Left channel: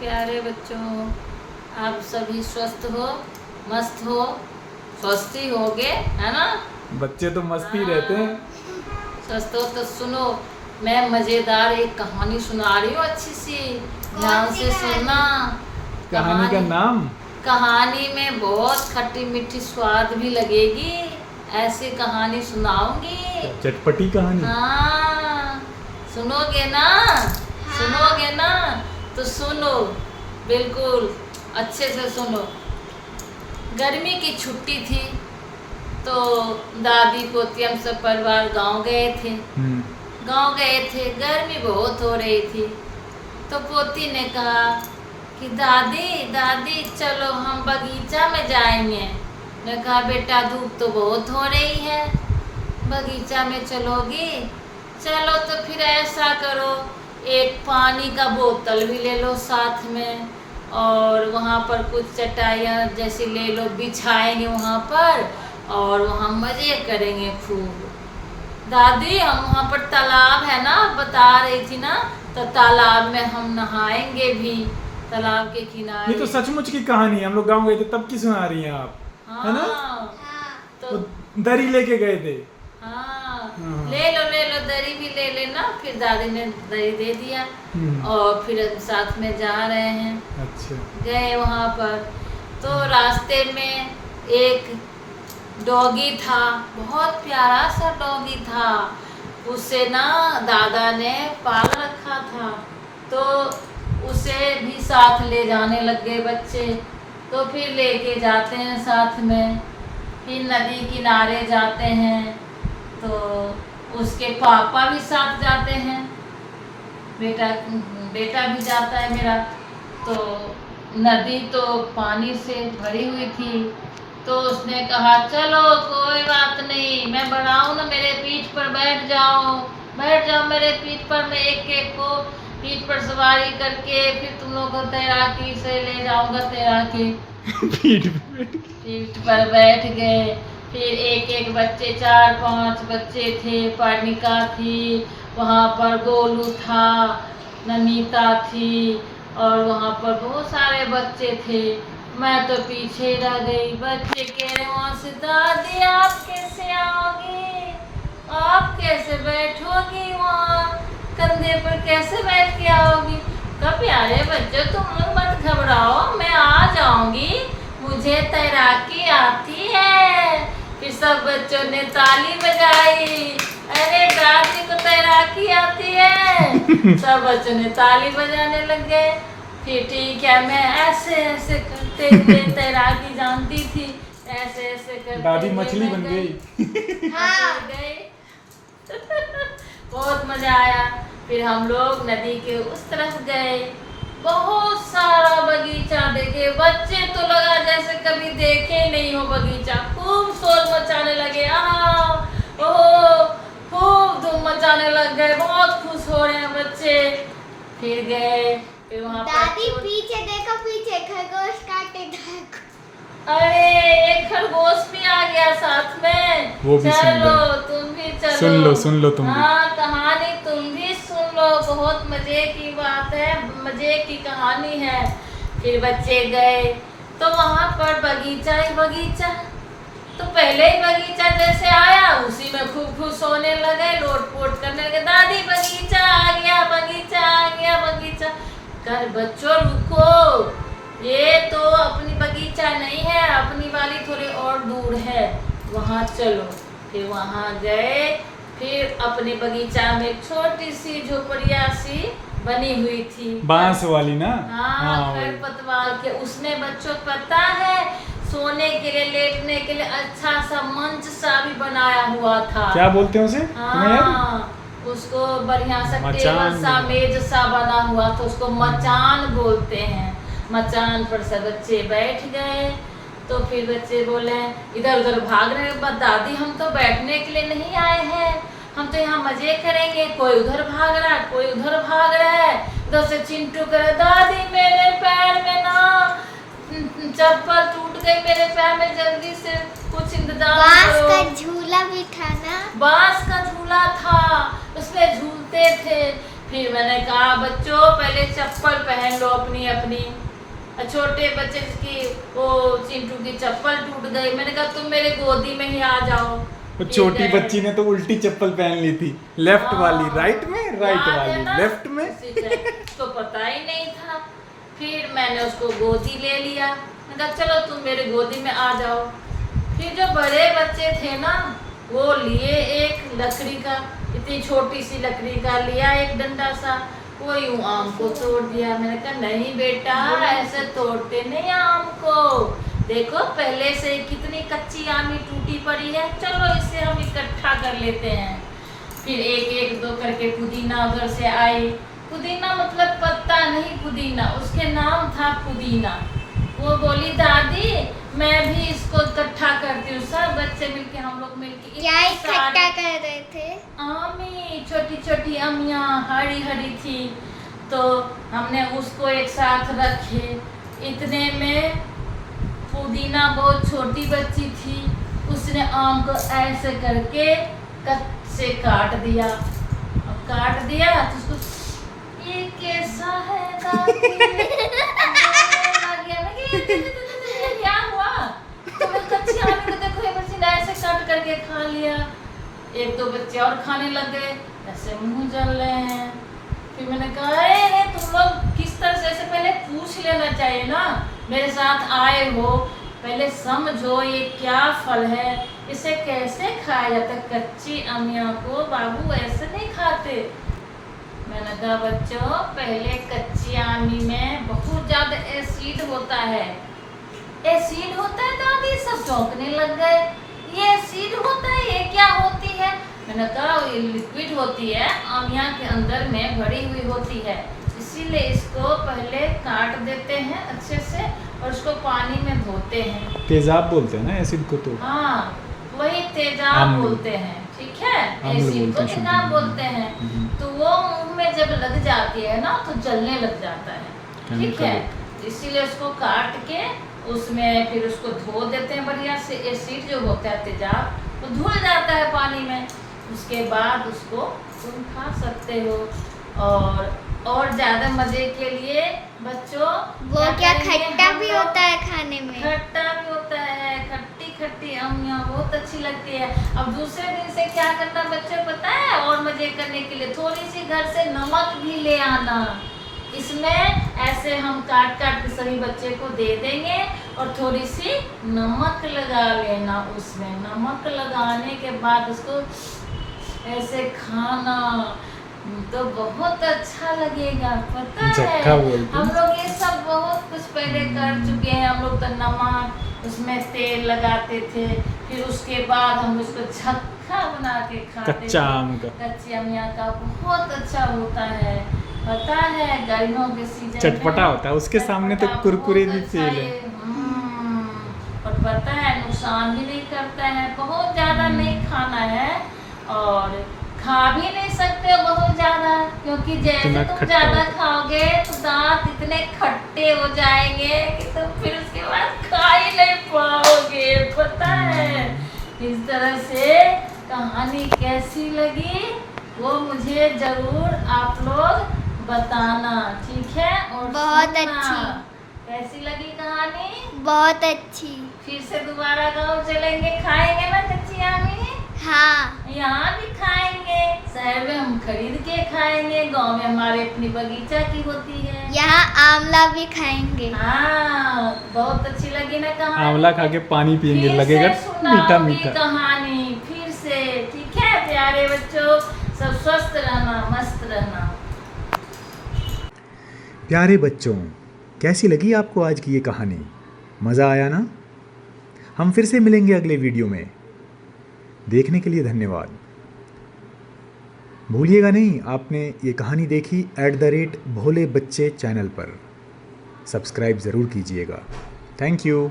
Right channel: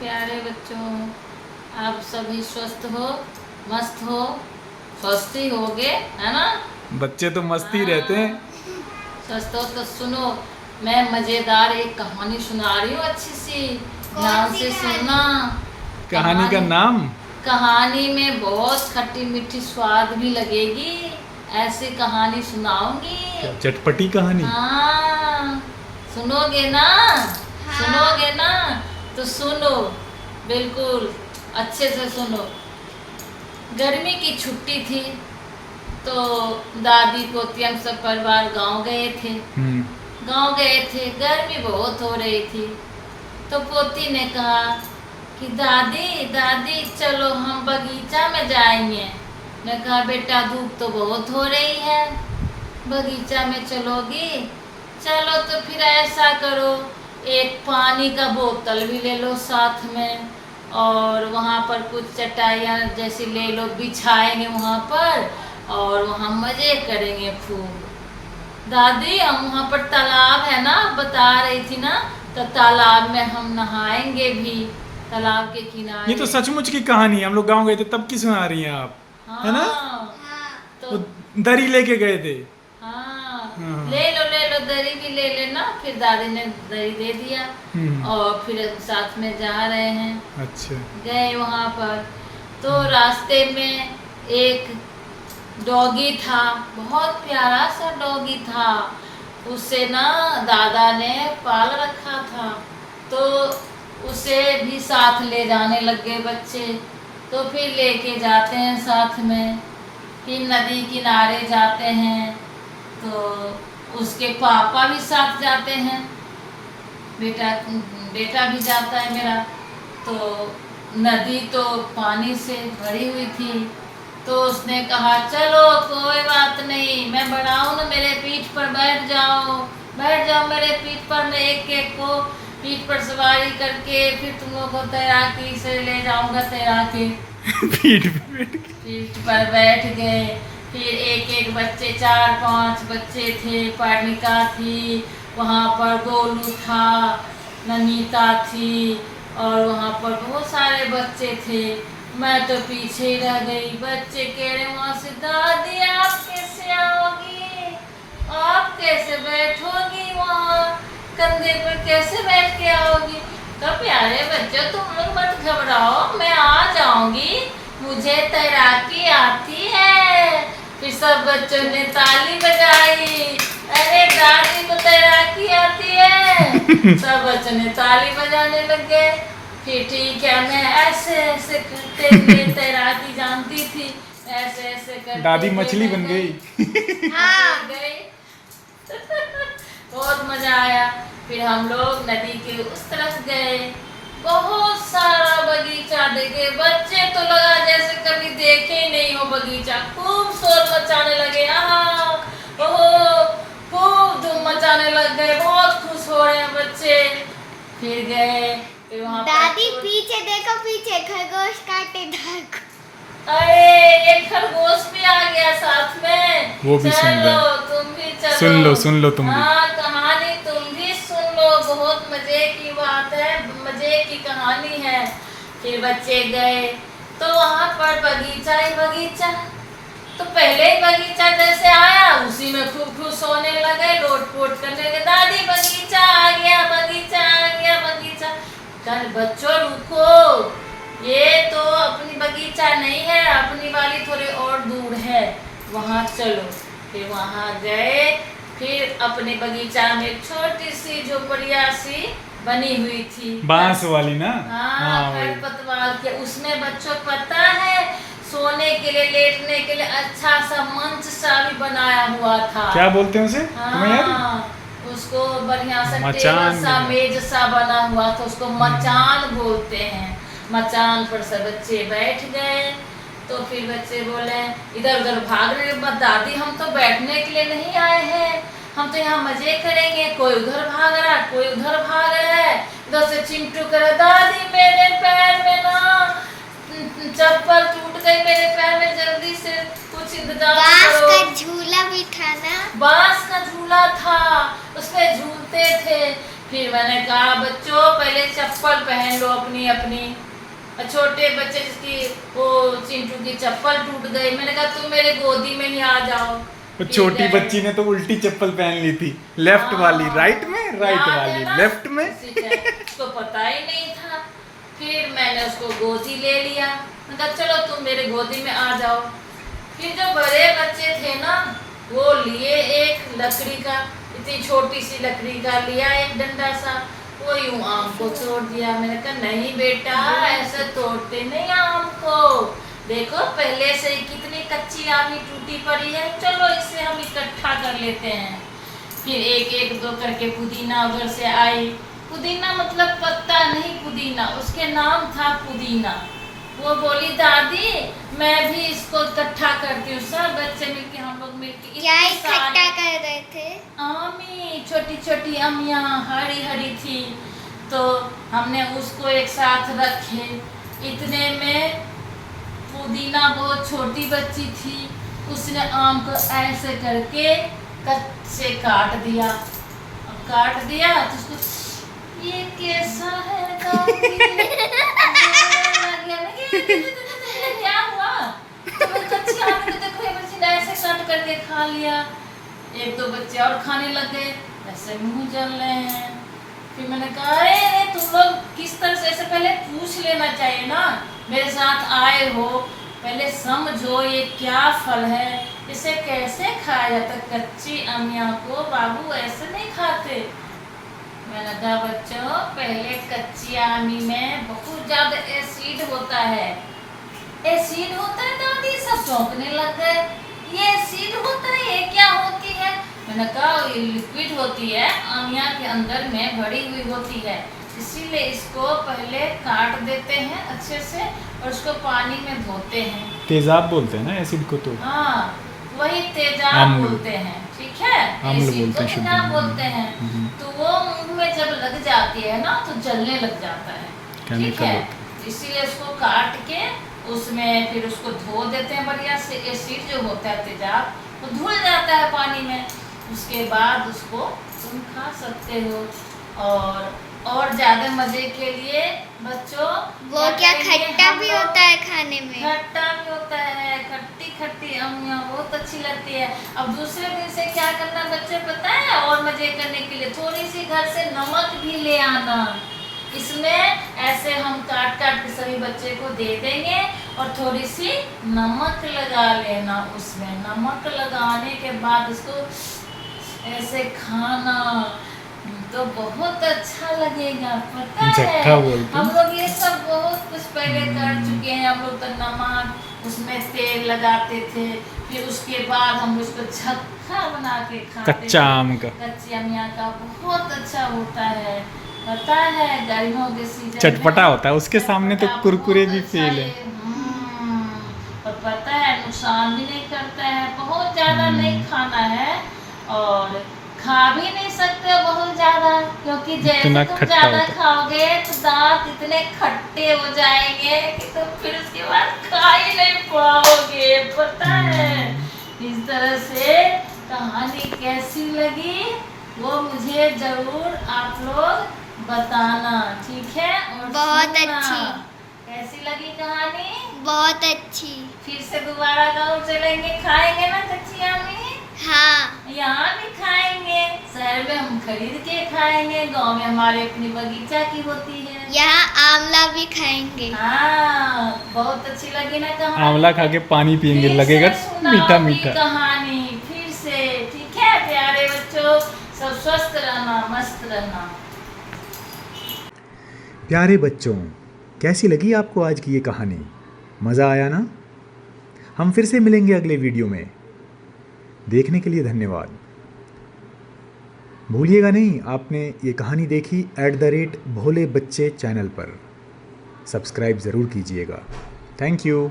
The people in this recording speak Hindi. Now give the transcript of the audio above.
प्यारे बच्चों, आप सभी स्वस्थ हो, मस्त हो, स्वस्थ ही होगे, है ना। बच्चे तो मस्ती रहते हैं। स्वस्थ हो तो सुनो, मैं मजेदार एक कहानी सुना रही हूँ अच्छी सी, ध्यान से सुनना। कहानी का नाम? कहानी में बहुत खट्टी मीठी स्वाद भी लगेगी, ऐसी कहानी सुनाऊंगी। चटपटी कहानी? हाँ, सुनोगे ना? सुनोगे ना? तो सुनो, बिल्कुल अच्छे से सुनो। गर्मी की छुट्टी थी तो दादी पोती हम सब परिवार गांव गए थे। गांव गए थे, गर्मी बहुत हो रही थी। तो पोती ने कहा कि दादी दादी चलो हम बगीचा में जाएंगे। मैं कहा बेटा धूप तो बहुत हो रही है, बगीचा में चलोगी? चलो तो फिर ऐसा करो, एक पानी का बोतल भी ले लो साथ में, और वहाँ पर कुछ चटाइयाँ जैसी ले लो, बिछाएंगे वहाँ पर और वहाँ मजे करेंगे खूब। दादी हम वहाँ पर तालाब है ना, बता रही थी ना, तो तालाब में हम नहाएंगे भी, तालाब के किनारे। ये तो सचमुच की कहानी है, हम लोग गांव गए थे तब की सुना रही हैं आप। हाँ, है ना? तो दरी लेके गए थे। हाँ, हाँ। ले लो दरी भी ले लेना। फिर दादी ने दरी दे दिया और फिर साथ में जा रहे हैं। अच्छा। गए वहाँ पर तो रास्ते में एक डॉगी था, बहुत प्यारा सा डॉगी था। उसे ना दादा ने पाल रखा था, तो उसे भी साथ ले जाने लग गए बच्चे। तो फिर लेके जाते हैं साथ में, फिर नदी किनारे जाते हैं तो उसके पापा भी साथ जाते हैं, बेटा भी जाता है मेरा। तो नदी तो पानी से भरी हुई थी, तो उसने कहा चलो कोई बात नहीं, मैं बड़ा हूँ ना, मेरे पीठ पर बैठ जाओ मेरे पीठ पर, मैं एक एक को पीठ पर सवारी करके फिर तुम लोग को तैराकी से ले जाऊंगा तैरा के। पीठ पर बैठ गए। फिर एक एक बच्चे, 4-5 बच्चे थे, पर्णिका थी वहाँ पर, गोलू था, नमिता थी, और वहाँ पर बहुत सारे बच्चे थे। मैं तो पीछे ही रह गई। बच्चे कह रहे वहाँ से दादी आप कैसे आओगी, आप कैसे बैठोगी वहाँ, कंधे पर कैसे बैठ के आओगी? कब प्यारे बच्चों तुम लोग मत घबराओ, मैं आ जाऊंगी, मुझे तैराकी आती है। फिर सब बच्चों ने ताली बजाई, अरे दादी को तैराकी आती है। सब बच्चों ने ताली बजाने लग गए। फिर ठीक है, मैं ऐसे ऐसे करते हुए तैराकी जानती थी, ऐसे ऐसे करते दादी मछली बन गई। गई। बहुत मजा आया। फिर हम लोग नदी के उस तरफ गए, बहुत सारा बगीचा देखे। बच्चे तो लगा जैसे कभी देखे नहीं हो बगीचा, खूब शोर मचाने लगे, ओहो खूब धूम मचाने लग गए, बहुत खुश हो रहे हैं बच्चे। फिर गए, फिर वहाँ दादी पीछे देखो, पीछे खरगोश काटे देखो। अरे एक खरगोश भी आ गया साथ में, वो भी सुन चलो लो। तुम भी चलो, सुन लो तुम भी। हाँ कहानी तुम भी सुन लो, बहुत मजे की बात है, मजे की कहानी है। फिर बच्चे गए तो वहाँ पर बगीचा ही बगीचा, तो पहले ही बगीचा जैसे आया उसी में खूब खुश होने लगे, लोट-पोट करने लगे, दादी बगीचा आ गया, बगीचा आ गया, बगीचा। कर बच्चों रुको, ये तो अपनी बगीचा नहीं है, अपनी वाली थोड़ी और दूर है, वहाँ चलो। फिर वहाँ गए, फिर अपने बगीचा में छोटी सी झोपड़िया सी बनी हुई थी, बांस वाली ना? हाँ वही। खरपतवार के। उसमें बच्चों पता है सोने के लिए, लेटने के लिए अच्छा सा मंच सा भी बनाया हुआ था। क्या बोलते हैं उसे? तुम्हें याद है? हाँ, उसको बढ़िया सा मचान टेबल सा, मेज सा बना हुआ था, उसको मचान बोलते हैं। मचान पर सब बच्चे बैठ गए। तो फिर बच्चे बोले, इधर उधर भाग रहे, दादी हम तो बैठने के लिए नहीं आए हैं, हम तो यहाँ मजे करेंगे। कोई उधर भाग रहा है, कोई उधर भाग रहा है। उधर से चिंटू करे, दादी मेरे पैर में ना चप्पल टूट गई, मेरे पैर में जल्दी से कुछ इंतजाम करो। बांस का झूला भी था ना? बांस का झूला था, उसमें झूलते थे। फिर मैंने कहा बच्चों पहले चप्पल पहन लो अपनी अपनी। छोटे बच्चे जिसकी वो चिंटू की चप्पल टूट गई, मैंने कहा तुम मेरे गोदी में ही आ जाओ। वो छोटी बच्ची ने तो उल्टी चप्पल पहन ली थी, लेफ्ट वाली राइट में, राइट याद है वाली ना? लेफ्ट में। उसको पता ही नहीं था। फिर मैंने उसको गोदी ले लिया, मैंने कहा चलो तुम मेरे गोदी में आ जाओ। फिर जो बड़े बच्चे थे ना वो लिए एक लकड़ी का, इतनी छोटी सी लकड़ी का लिया एक डंडा सा, वो यूं आम को तोड़ दिया। मैंने कहा नहीं बेटा ऐसे तोड़ते नहीं आम को, देखो पहले से कितनी कच्ची आमी टूटी पड़ी है, चलो इसे हम इकट्ठा कर लेते हैं। फिर एक एक दो करके पुदीना उधर से आई। पुदीना मतलब पत्ता नहीं पुदीना, उसके नाम था पुदीना। वो बोली दादी मैं भी इसको इकट्ठा करती हूँ। सब बच्चे मिलके हम लोग मिलके क्या इकट्ठा कर रहे थे? आमी, छोटी छोटी अमियाँ हरी हरी थी, तो हमने उसको एक साथ रखे। इतने में पुदीना बहुत छोटी बच्ची थी, उसने आम को ऐसे करके कट से काट दिया। अब काट दिया तो उसको ये कैसा है दादी? लग गया। मैं ये क्या हुआ? तो मैं कच्ची आम को देखो ये बच्ची ने ऐसे कट करके खा लिया। एक दो बच्चे और खाने लग गए, ऐसे मुंह जल रहे हैं। फिर मैंने कहा अरे तुम लोग किस तरह से, ऐसे पहले पूछ लेना चाहिए ना, मेरे साथ आए हो पहले समझो ये क्या फल है, इसे कैसे खाया जाता है। कच्ची अमिया को बाबू ऐसे नहीं खाते। मैंने कहा बच्चों पहले कच्ची आमी में बहुत ज्यादा एसिड होता है। एसिड होता है दादी? सब चौंकने लग गए। ये एसिड होता है, ये क्या होती है? मैंने कहा ये लिक्विड होती है, आमिया के अंदर में भरी हुई होती है, इसीलिए इसको पहले काट देते हैं अच्छे से और उसको पानी में धोते हैं। तेजाब बोलते हैं ना एसिड को तो। हाँ वही तेजाब अम्ल बोलते हैं, ठीक है, अम्ल एसिड बोलते को हैं, शुद्ध तेजाब में। बोलते हैं। तो वो मुंह में जब लग जाती है ना तो जलने लग जाता है, ठीक है, इसीलिए उसको काट के उसमें फिर उसको धो देते हैं बढ़िया से। एसिड जो होता है तेजाब वो धुल जाता है पानी में, उसके बाद उसको तुम खा सकते हो। और ज्यादा मजे के लिए बच्चों वो क्या करेंगे खट्टा हम भी लोग? होता है खाने में? खट्टा भी होता है, खट्टी खट्टी अमियाँ बहुत अच्छी लगती है। अब दूसरे दिन से क्या करना बच्चों पता है, और मजे करने के लिए थोड़ी सी घर से नमक भी ले आना। इसमें ऐसे हम काट काट के सभी बच्चे को दे देंगे और थोड़ी सी नमक लगा लेना। उसमें नमक लगाने के बाद उसको ऐसे खाना तो बहुत अच्छा लगेगा, पता है। झक्का बोलते हैं। हम लोग ये सब बहुत कुछ पहले कर चुके हैं। हम लोग तो नमक उसमें तेल लगाते थे, फिर उसके बाद हम उसको झक्का बना के खाते कच्चा थे। आम का। कच्ची अमिया का बहुत अच्छा होता है, पता है, गर्मियों के सीजन में चटपटा होता है, उसके सामने तो चटपटा कुरकुरे बहुत भी अच्छा फेल है। ये, और पता है नुकसान भी नहीं करता है, बहुत ज्यादा नहीं खाना है और खा भी नहीं सकते हो बहुत ज्यादा, क्योंकि जैसे इतना तुम खट्टा ज्यादा होता है। खाओगे तो दांत इतने खट्टे हो जाएंगे कि तुम फिर उसके बाद खा ही नहीं पाओगे, पता है। इस तरह से कहानी कैसी लगी वो मुझे जरूर आप लोग बताना, ठीक है। और बहुत सुनना। अच्छी। कैसी लगी कहानी? बहुत अच्छी। फिर से दोबारा गाँव चलेंगे, खाएंगे ना कच्ची आमी? हाँ यहाँ भी खाएंगे, शहर में हम खरीद के खाएंगे, गांव में हमारे अपनी बगीचा की होती है। यहाँ आंवला भी खाएंगे। हाँ बहुत अच्छी लगी ना कहानी? आंवला खा के पानी पियेंगे, फिर लगेगा से सुनाओगी मीठा मीठा। कहानी फिर से, ठीक है प्यारे बच्चों, सब स्वस्थ रहना, मस्त रहना। प्यारे बच्चों, कैसी लगी आपको आज की ये कहानी? मज़ा आया ना? हम फिर से मिलेंगे अगले वीडियो में। देखने के लिए धन्यवाद। भूलिएगा नहीं, आपने ये कहानी देखी @भोले बच्चे चैनल पर। सब्सक्राइब ज़रूर कीजिएगा। Thank you.